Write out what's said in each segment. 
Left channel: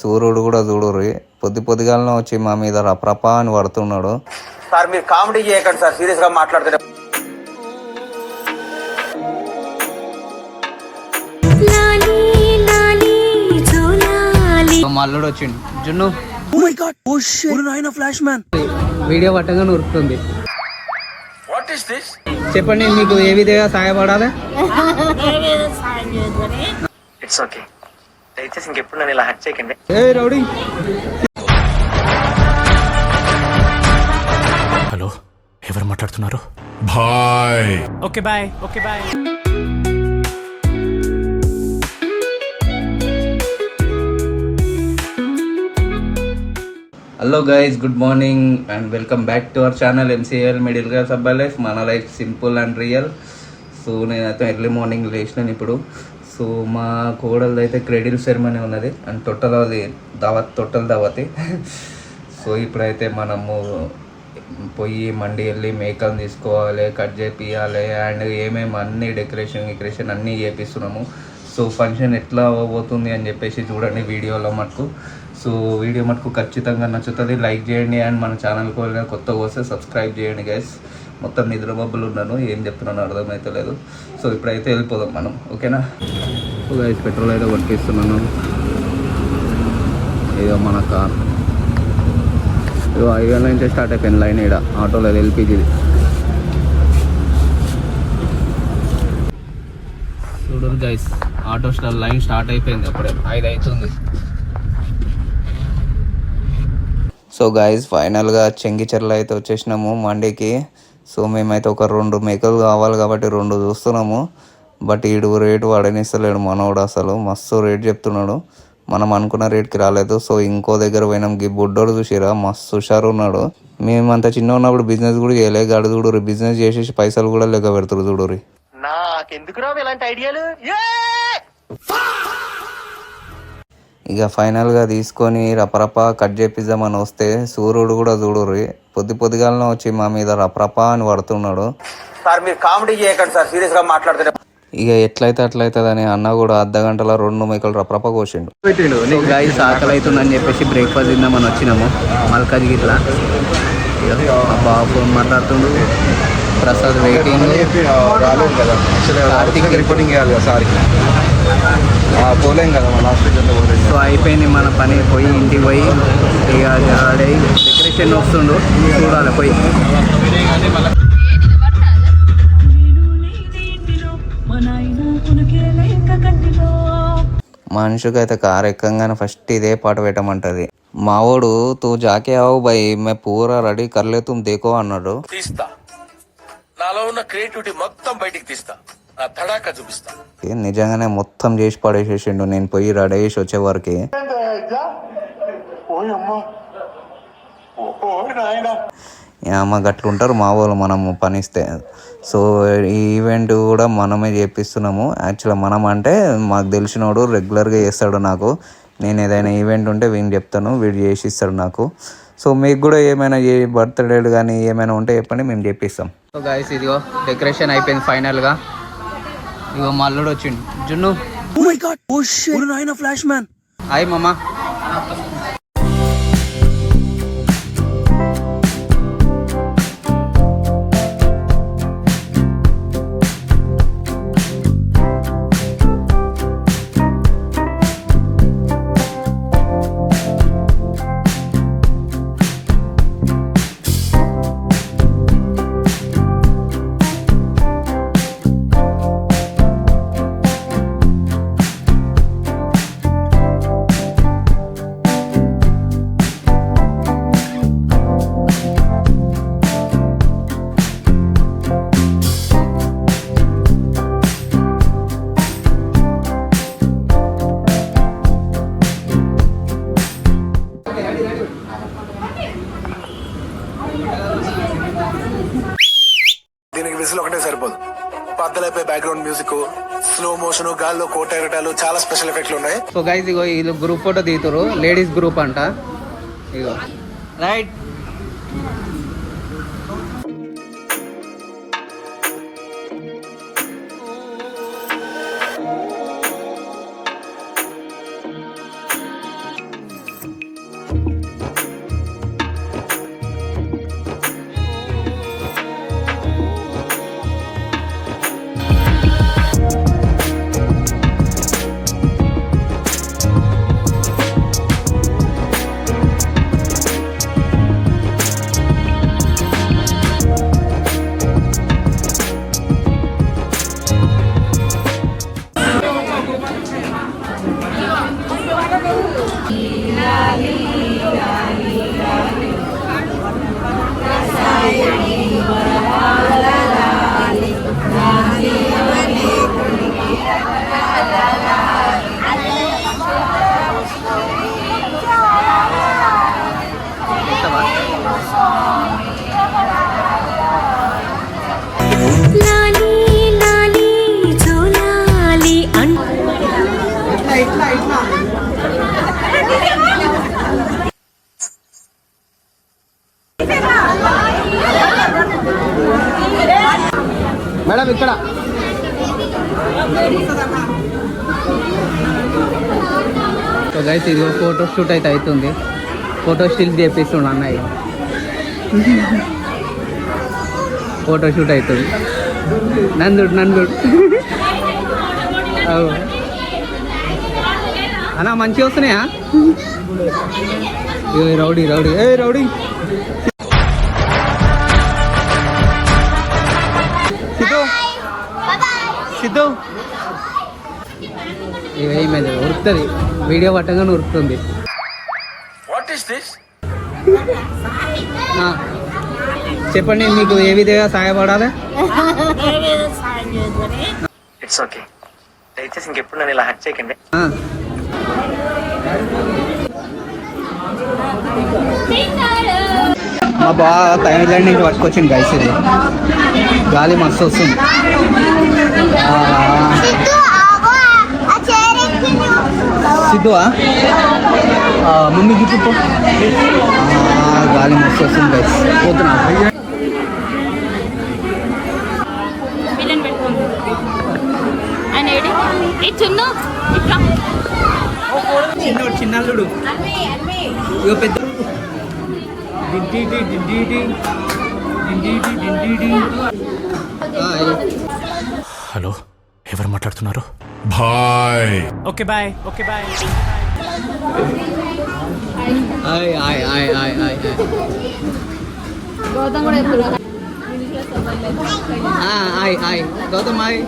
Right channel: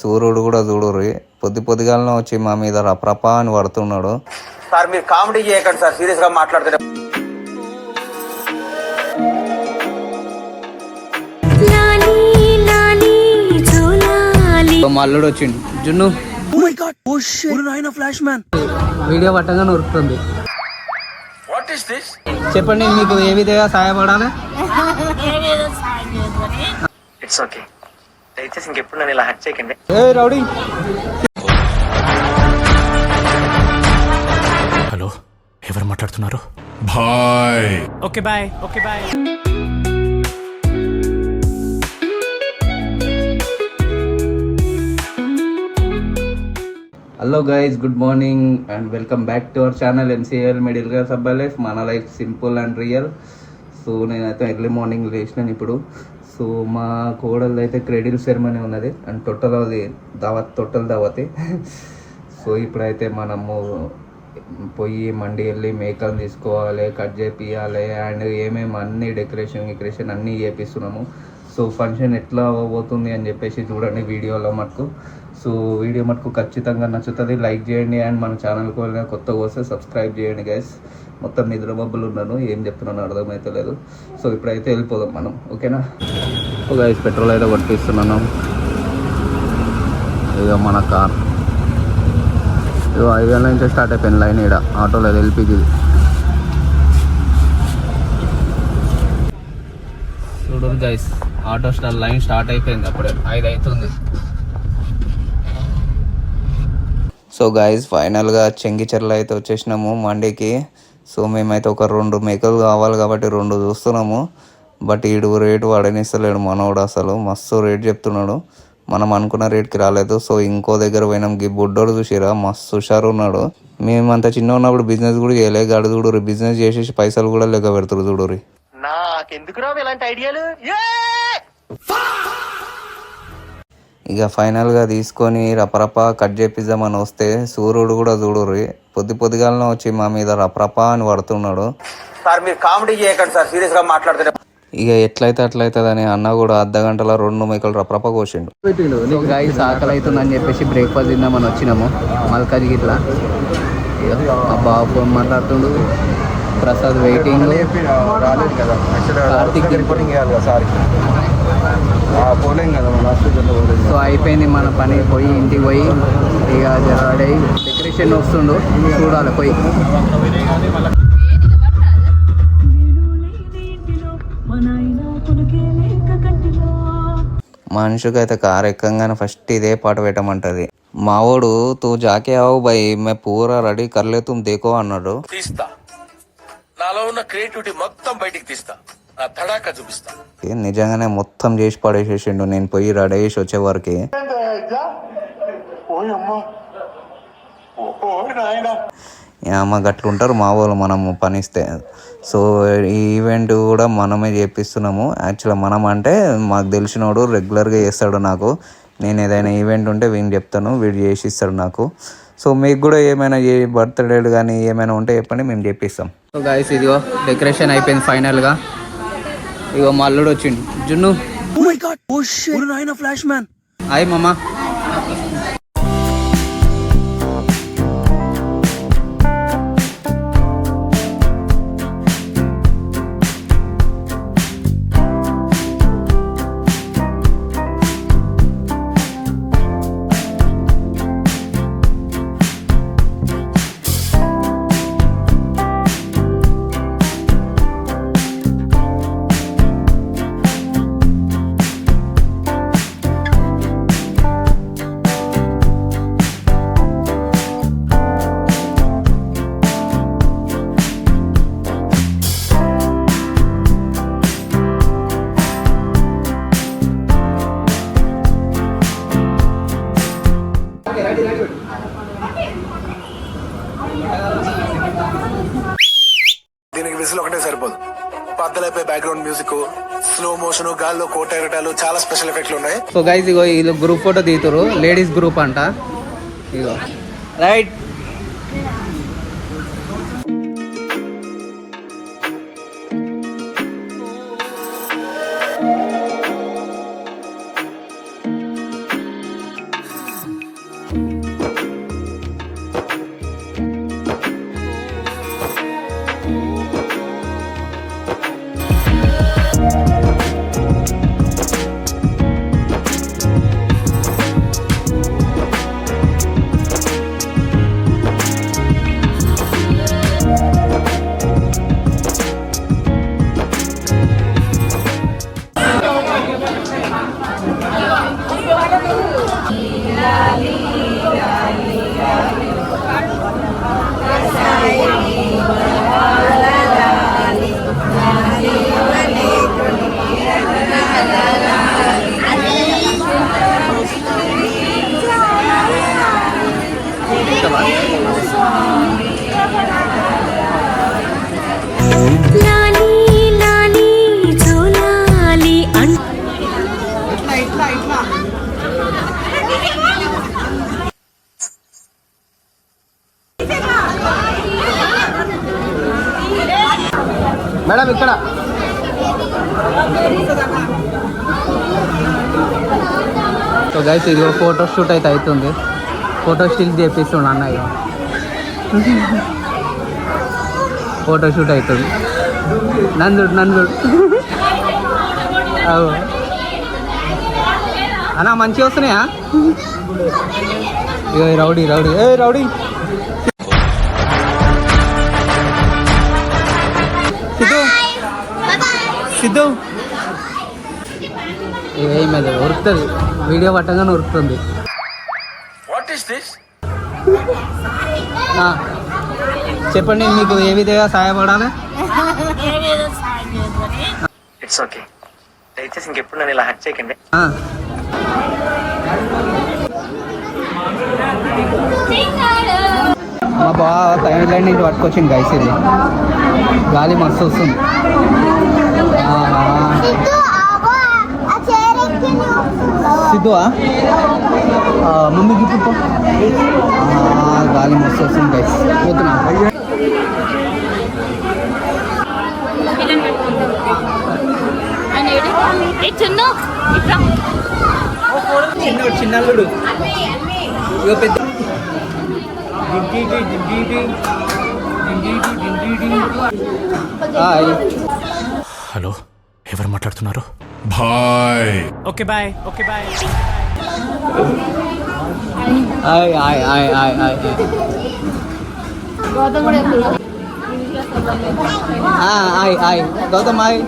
సూర్యుడు కూడా చూడుర్రి పొద్దుగాలనే వచ్చి మా మీద రప్రపా అని పడుతున్నాడు. సార్ మీరు కామెడీ చేయకండి సార్, సీరియస్ గా మాట్లాడుతున్నారు. మల్లుడు వచ్చిండు జున్ను. Oh my god, oh shit, నాయనా ఫ్లాష్ మ్యాన్ వీడియో పట్టంగా ఉరుకుతుంది. What is this? చెప్పండి మీకు ఏ విధంగా సహాయపడాలి? ఇట్స్ ఓకే, దయచేసి ఇంకెప్పుడు నన్ను ఇలా హట్ చేయకండి. ఏ రౌడీ. హలో, ఎవరు మాట్లాడుతున్నారు? Bye. Okay bye. Okay bye. Hello guys, good morning and welcome back to our channel MCL middle class అబ్బాయి లైఫ్. మన life simple and real. So నేనైతే ఎర్లీ మార్నింగ్ లేచినాను ఇప్పుడు. సో మా కోడలది అయితే క్రెడిల్ సెరమనీ ఉన్నది అండ్ తొట్టల దావతి. సో ఇప్పుడైతే మనము పోయి మండి వెళ్ళి మేకలు తీసుకోవాలి, కట్ చేపియాలి అండ్ ఏమేమి అన్ని డెకరేషన్ అన్నీ చేపిస్తున్నాము. సో ఫంక్షన్ ఎట్లా అవ్వబోతుంది అని చెప్పేసి చూడండి వీడియోలో మటుకు. సో వీడియో మటుకు ఖచ్చితంగా నచ్చుతుంది, లైక్ చేయండి అండ్ మన ఛానల్కి వెళ్ళిన కొత్తగా వస్తే సబ్స్క్రైబ్ చేయండి గైస్. మొత్తం నిద్రబబ్బులు ఉన్నాను, ఏం చెప్తున్నాను అర్థమవుతలేదు. సో ఇప్పుడైతే వెళ్ళిపోదాం మనం, ఓకేనా? గైస్ పెట్రోల్ అయితే కొట్టిస్తున్నాను. ఇక మన కార్ ఇక 5 గంటల నుంచి స్టార్ట్ అయిపోయింది లైన్. ఇక్కడ ఆటోలో LPG చూడరు గైస్, ఆటో లైన్ స్టార్ట్ అయిపోయింది, అప్పుడే 5 అవుతుంది. సో గైస్ ఫైనల్గా చెంగిచెర్ల అయితే వచ్చేసినాము మండికి. సో మేమైతే ఒక 2 మేకలు కావాలి కాబట్టి 2 చూస్తున్నాము. బట్ ఈడు రేటు వాడనిస్తలేడు మనోడు, అసలు మస్తు రేట్ చెప్తున్నాడు. మనం అనుకున్న రేట్కి రాలేదు. సో ఇంకో దగ్గర పోయినాం, ఈ బుడ్డోడు చూసిరా మస్తు హుషారు ఉన్నాడు. మేమంతా చిన్న ఉన్నప్పుడు బిజినెస్ కూడా చేయలే, గడు చూడురి బిజినెస్ చేసేసి పైసలు కూడా లెక్క పెడతారు చూడురి. నాకెందుకు రావు ఇలాంటి ఐడియాలు? ఇక ఫైనల్గా తీసుకొని రపరపా కట్ చేపిద్దామని వస్తే సూర్యుడు కూడా చూడుర్రి పొద్దుగాలనే వచ్చి మా మీద రపరపా అని పడుతున్నాడు. సార్ మీరు కామెడీ చేయకండి సార్, సీరియస్ గా మాట్లాడుతున్నారు. ఇక ఎట్లయితే అట్లయితుందని అన్న కూడా అర్ధగంటల 2 మేకలు రపరపా కోసిండు. సో గైస్ ఆకలి అవుతుందని చెప్పేసి బ్రేక్ఫాస్ట్ తిందామని వచ్చినాము మల్కాజ్ గిట్లా. ఇక బాబు ఫోన్ మాట్లాడుతుండు, ప్రసాద్ సో అయిపోయింది మన పని. పోయి ఇంటికి పోయి ఇక రెడీ డెకరేషన్ వస్తుండు, చూడాలి పోయి. మనిషికి అయితే కారు ఎక్కంగానే ఫస్ట్ ఇదే పాట పెట్టమంటది. మావోడు తూ జాకే ఆవు బై మే పూరా రెడీ కర్లే తుమ్ దేకో అన్నాడు. తీస్తా, నాలో ఉన్న క్రియేటివిటీ మొత్తం బయటికి తీస్తా, నా తడాక చూపిస్తా. నిజంగానే మొత్తం చేసి పడేసేసిండు నేను పోయి రెడీ చేసి వచ్చే వరకు. అమ్మ గట్లుంటారు మా వాళ్ళు మనము పనిస్తే. సో ఈ ఈవెంట్ కూడా మనమే చేపిస్తున్నాము. యాక్చువల్గా మనం అంటే మాకు తెలిసినోడు రెగ్యులర్గా చేస్తాడు నాకు. నేను ఏదైనా ఈవెంట్ ఉంటే వీడిని చెప్తాను, వీడు చేసి ఇస్తాడు నాకు. సో మీకు కూడా ఏమైనా బర్త్డేలు కానీ ఏమైనా ఉంటే చెప్పండి, మేము చేపిస్తాం. సో గైస్ ఇదిగో డెకరేషన్ అయిపోయింది ఫైనల్గా. ఇగో మల్లుడు వచ్చిండు జున్ను. Oh my god, oh shit, నాయనా ఫ్లాష్ మ్యాన్. హాయ్ మామా. దీనికి విజిల్ ఒకటే సరిపోదు, బద్దలైపోయి బ్యాక్గ్రౌండ్ మ్యూజిక్, స్లో మోషన్, గాల్లో కోట ఎగటాలు, చాలా స్పెషల్ ఎఫెక్ట్లు ఉన్నాయి. సో గైస్ ఇగో ఇది గ్రూప్ ఫోటో తీతురు, లేడీస్ గ్రూప్ అంట. ఇగో రైట్. లాలి లాలి జోలాలి మేడం ఇక్కడ సో గైస్ ఇది ఫోటో షూట్ అయితే అవుతుంది. ఫోటో స్టిల్ చేపిస్తుండ అన్నయ్య. ఫోటో షూట్ అవుతుంది. నందుడు అన్నా మంచిగా వస్తున్నాయా? ఇగో రౌడీ రౌడీ సిద్ధు ఇక ఏమైంది ఉరుకుతుంది. వీడియో పట్టంగానే ఉరుకుతుంది. What is this? చెప్పండి మీకు ఏ విధంగా సహాయపడాలి? It's okay. దయచేసి ఇంకెప్పుడు నన్ను ఇలా హట్ చేయకండి. మా బాగా థైలాండ్ నుంచి పట్టుకొచ్చింది గైస్. ఇది గాలి మస్తు వస్తుంది. సిద్ధువా ముందు గిట్టు గాలి మస్తు వస్తుంది గైస్. పోతున్నా చిన్నల్లుడు ఇక పెద్ద హలో, ఎవరు మాట్లాడుతున్నారు? Bye. Okay bye. Gautam hi.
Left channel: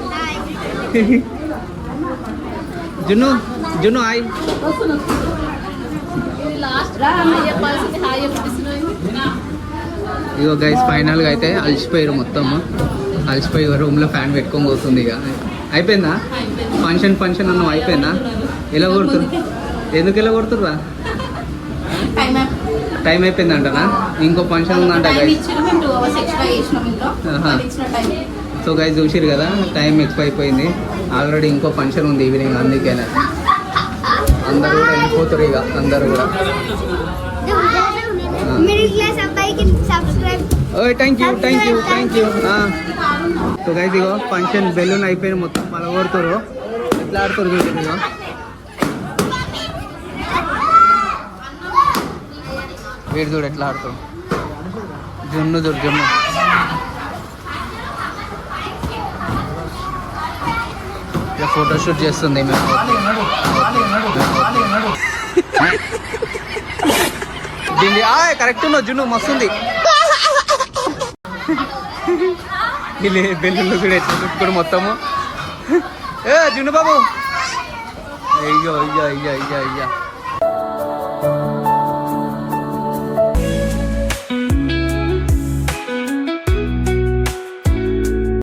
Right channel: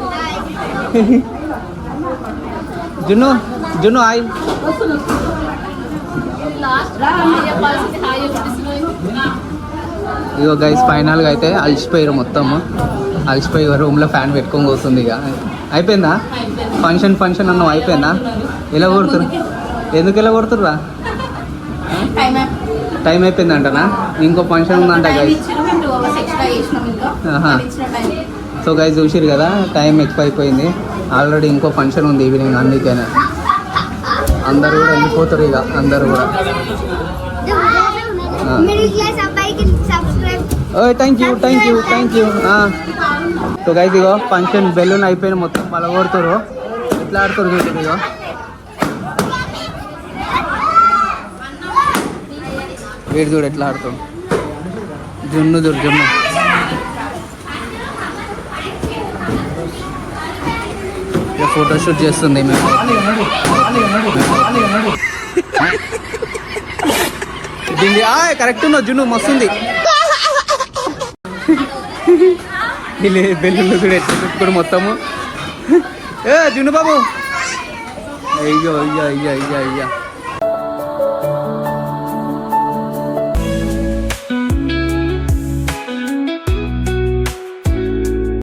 Junnu hi. ఇగో గైస్ ఫైనల్గా అయితే అలసిపోయారు మొత్తము. అలసిపోయి రూమ్లో ఫ్యాన్ పెట్టుకొని పోతుంది. ఇక అయిపోయిందా ఫంక్షన్ అన్నం అయిపోయిందా? ఎలా కొడుతురు? ఎందుకు ఎలా కొడుతుర్రా? టైం అయిపోయిందంటనా? ఇంకో ఫంక్షన్ ఉందంట గైస్. సో గైస్ చూసిరు కదా, టైం ఎక్కువ అయిపోయింది. ఆల్రెడీ ఇంకో ఫంక్షన్ ఉంది ఈవినింగ్. అందుకేనే అందరూ కూడా వెళ్ళిపోతారు. ఇక అందరూ కూడా thank you. So guys ego function balloon అయిపోయిన మొత్తం పలగొడుతారు. ఇట్లా ఆడుతారు చూసారు. ఇగో వీడు చూడు ఎట్లా ఆడుతాడు. జున్ను ఇక ఫోటోషూట్ చేస్తుంది మేము. కరెక్ట్ ఉన్నావు జున్ను, మస్తుంది. బెల్లుళ్ళు చూడు ఎట్లా చుట్టుకోడు మొత్తము. జున్ను బాబు అయ్యో.